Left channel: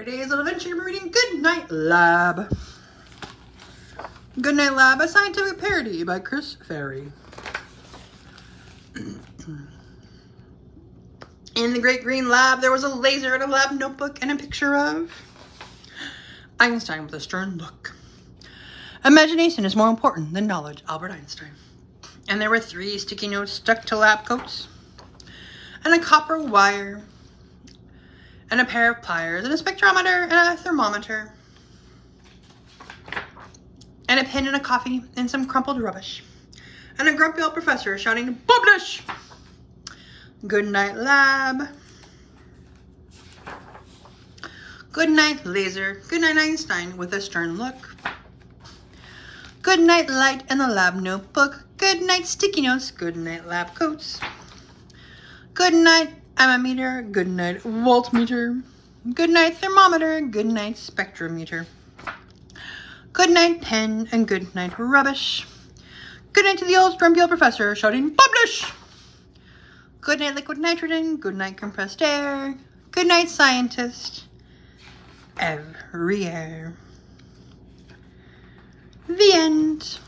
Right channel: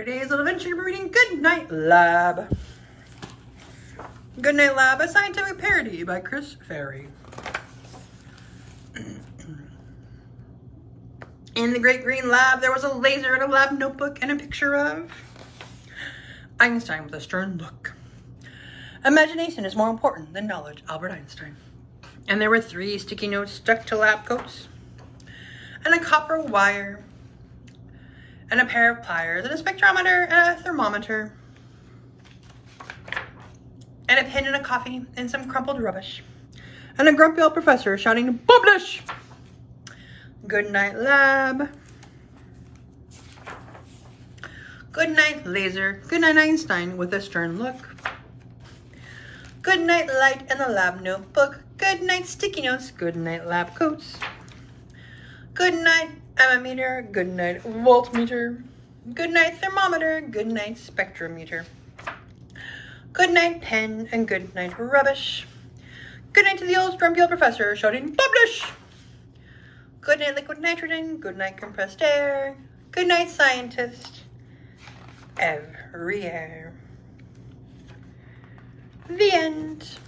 For today's little adventure, we're reading Goodnight Lab. Goodnight Lab, a scientific parody by Chris Ferry. In the great green lab, there was a laser and a lab notebook and a picture of Einstein with a stern look. Imagination is more important than knowledge, Albert Einstein. And there were 3 sticky notes stuck to lab coats, and a copper wire, and a pair of pliers, and a spectrometer, and a thermometer, and a pen and a coffee, and some crumpled rubbish, and a grumpy old professor shouting, "Publish!" Goodnight Lab. Goodnight Laser. Goodnight Einstein with a stern look. Goodnight Light and the lab notebook. Goodnight sticky notes. Goodnight lab coats. Goodnight ammeter. Goodnight voltmeter. Goodnight thermometer. Goodnight spectrometer. Goodnight pen and goodnight rubbish. Goodnight to the old grumpy old professor shouting, "Publish!" Goodnight liquid nitrogen. Goodnight compressed air. Goodnight scientist everywhere. The end.